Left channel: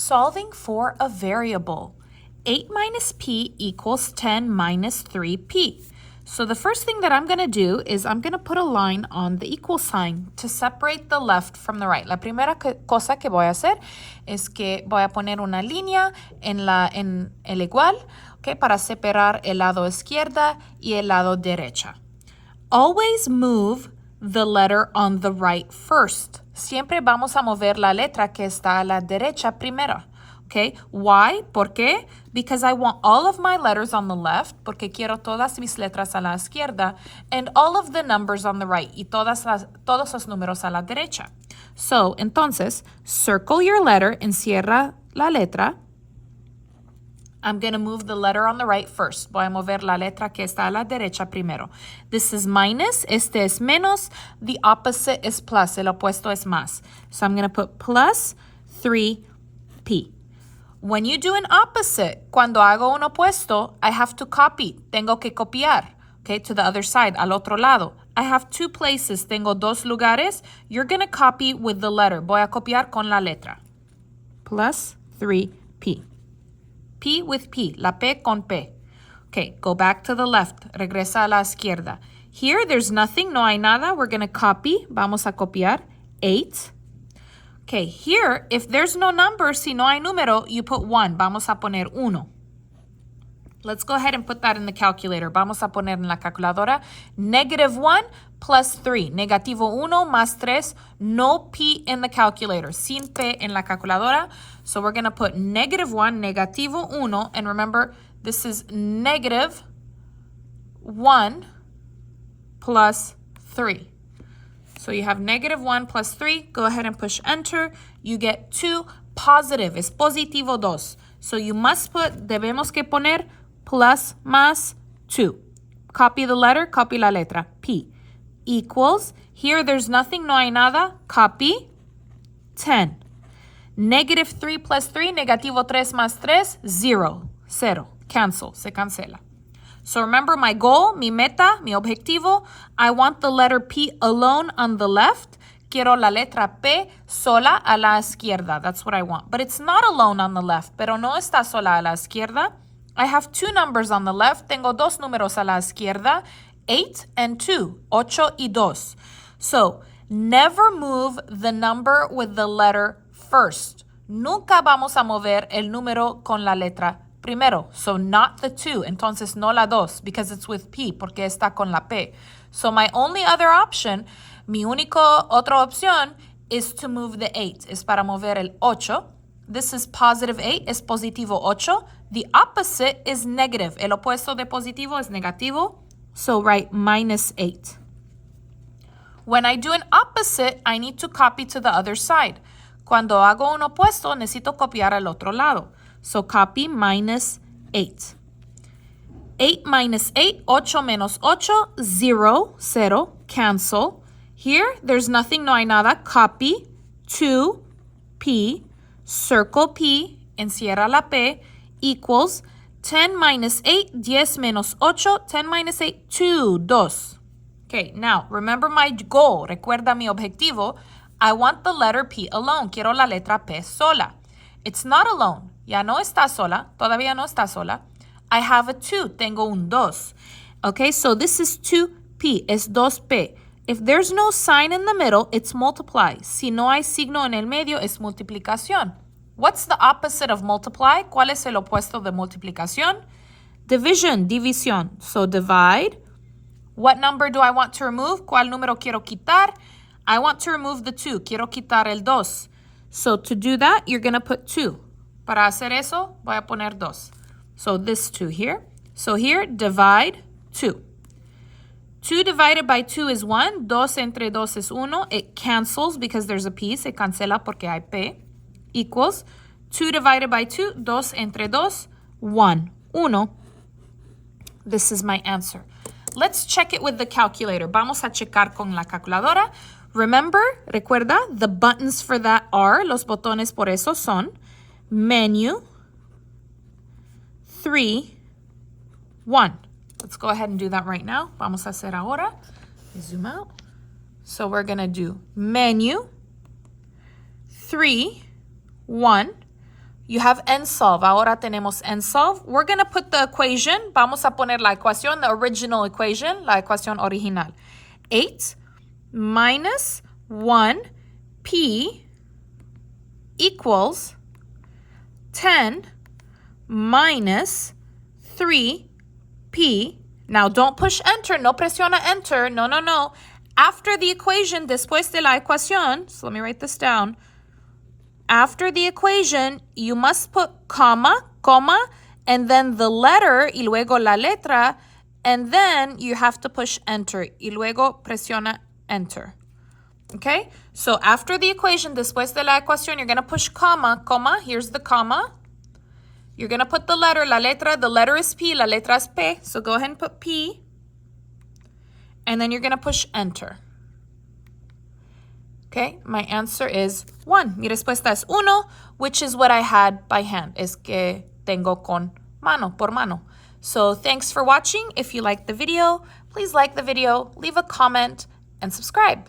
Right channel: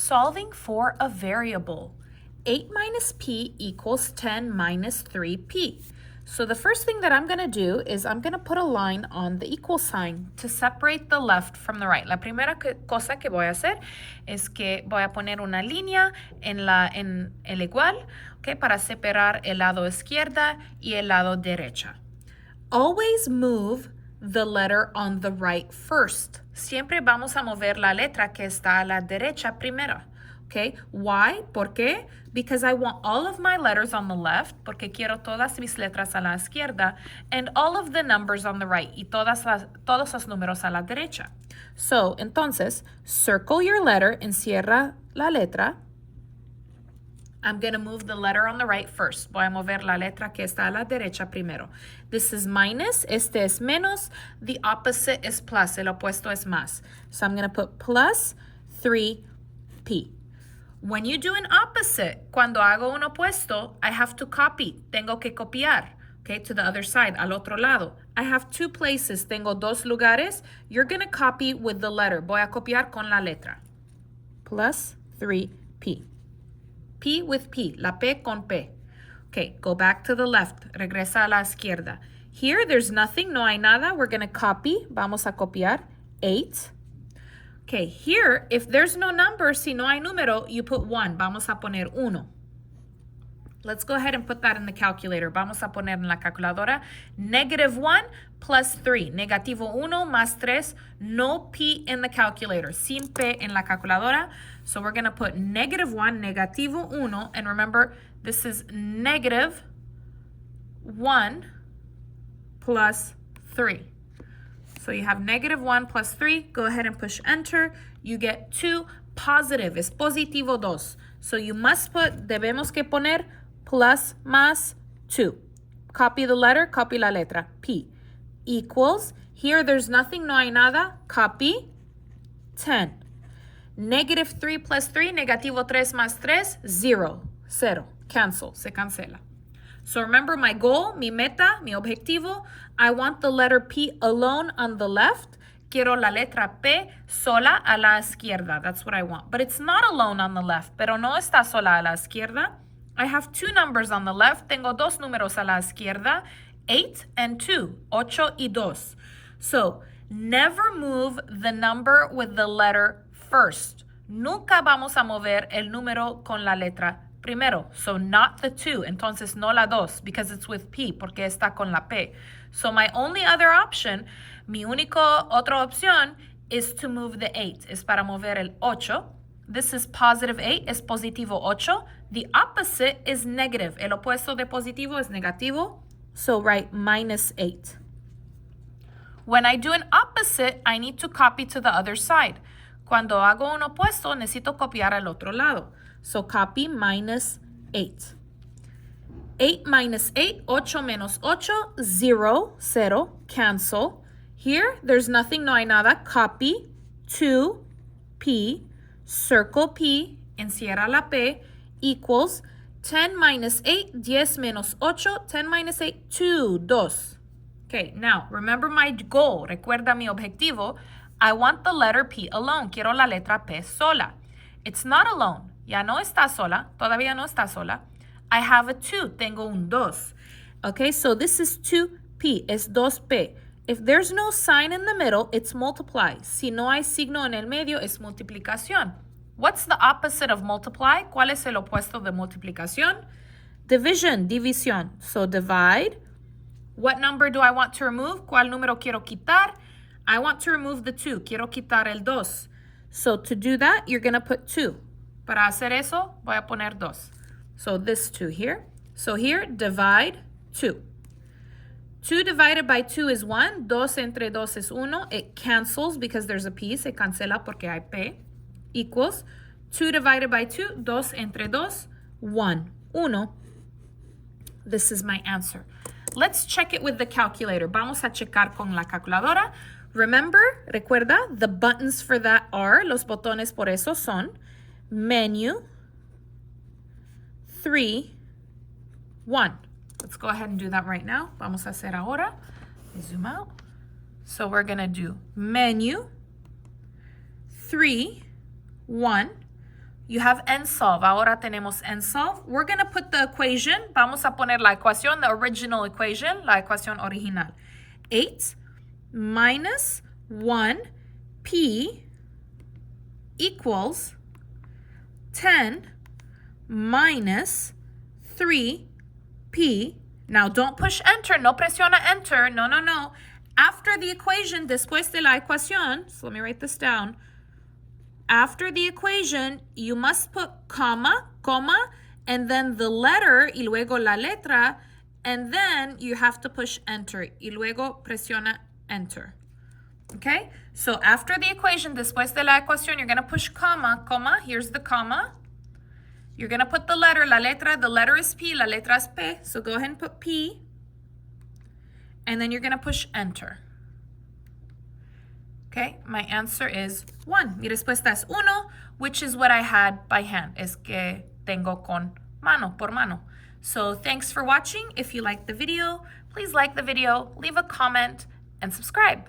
Solving for a variable. 8 minus p equals 10 minus 3p. So the first thing that I'm going to do is I'm going to put a line on the equal sign to separate the left from the right. La primera cosa que voy a hacer es que voy a poner una línea en el igual, okay, para separar el lado izquierda y el lado derecha. Always move the letter on the right first. Siempre vamos a mover la letra que está a la derecha primero. Okay, why? ¿Por qué? Because I want all of my letters on the left, porque quiero todas mis letras a la izquierda, and all of the numbers on the right, y todos los números a la derecha. So, entonces, circle your letter, encierra la letra. I'm going to move the letter on the right first. Voy a mover la letra que está a la derecha primero. This is minus, este es menos, the opposite is plus, el opuesto es más. So I'm going to put plus 3p. When you do an opposite, cuando hago un opuesto, I have to copy. Tengo que copiar, okay, to the other side, al otro lado. I have two places. Tengo dos lugares. You're going to copy with the letter. Voy a copiar con la letra. Plus 3p. P with P, la P con P. Okay, go back to the left. Regresa a la izquierda. Here, there's nothing, no hay nada. We're going to copy. Vamos a copiar. 8. Okay, here, if there's no number, si no hay número, you put 1. Vamos a poner 1. Let's go ahead and put that in the calculator. Vamos a poner en la calculadora -1 plus 3. Negativo 1 más 3. No P in the calculator. Sin P en la calculadora. So we're going to put -1, negativo 1. And remember, this is -1 plus 3. So you have -1 plus 3. Go ahead and push enter. You get 2. Positive es positivo 2. So you must put, debemos que poner plus más 2. Copy the letter, copy la letra. P equals, here there's nothing, no hay nada. Copy 10. -3 plus 3, negativo 3 más 3, 0. 0. Cancel, se cancela. So remember my goal, mi meta, mi objetivo. I want the letter P alone on the left. Quiero la letra P sola a la izquierda. That's what I want. But it's not alone on the left. Pero no está sola a la izquierda. I have two numbers on the left. Tengo dos números a la izquierda. 8 and 2. 8 y 2. So, never move the number with the letter first. Nunca vamos a mover el número con la letra primero. So, not the 2. Entonces, no la 2, because it's with P, porque está con la P. So, my only other option, mi otra opción, is to move the 8. Es para mover el 8. This is positive 8, es positivo 8. The opposite is negative. El opuesto de positivo es negativo. So, write -8. When I do an opposite, I need to copy to the other side. Cuando hago un opuesto, necesito copiar al otro lado. So copy -8. 8 minus 8, 8 menos 8, 0, 0, cancel. Here, there's nothing, no hay nada. Copy 2P, circle P, encierra la P, equals 10 minus 8, 10 menos 8, 10 minus 8, 2, 2. Okay, now, remember my goal. Recuerda mi objetivo. I want the letter P alone. Quiero la letra P sola. It's not alone. Ya no está sola. Todavía no está sola. I have a 2. Tengo un 2. Okay, so this is 2P. Es 2P. If there's no sign in the middle, it's multiply. Si no hay signo en el medio, es multiplicación. What's the opposite of multiply? ¿Cuál es el opuesto de multiplicación? Division, división. So divide. What number do I want to remove? ¿Cuál número quiero quitar? I want to remove the 2. Quiero quitar el 2. So to do that, you're going to put 2. Para hacer eso, voy a poner 2. So this 2 here. So here, divide 2. 2 divided by 2 is 1. 2 entre 2 es 1. It cancels because there's a P. Se cancela porque hay P. Equals 2 divided by 2. 2 entre 2. 1. 1. This is my answer. Let's check it with the calculator. Vamos a checar con la calculadora. Remember, recuerda, the buttons for that are, los botones por eso son, menu, 3, 1. Let's go ahead and do that right now. Vamos a hacer ahora. Zoom out. So we're going to do menu, 3, 1. You have n solve. Ahora tenemos n solve. We're going to put the equation. Vamos a poner la ecuación, the original equation, la ecuación original. 8 minus 1p equals 10 minus 3p. Now, don't push enter. No presiona enter. No, no, no. After the equation, después de la ecuación, so let me write this down. After the equation, you must put comma, and then the letter, y luego la letra, and then you have to push enter. Y luego presiona enter. Okay? So after the equation, después de la ecuación, you're going to push comma, here's the comma. You're going to put the letter, la letra, the letter is P, la letra es P, so go ahead and put P. And then you're going to push enter. Okay, my answer is 1. Mi respuesta es 1, which is what I had by hand. Es que tengo con mano, por mano. So thanks for watching. If you liked the video, please like the video, leave a comment, and subscribe.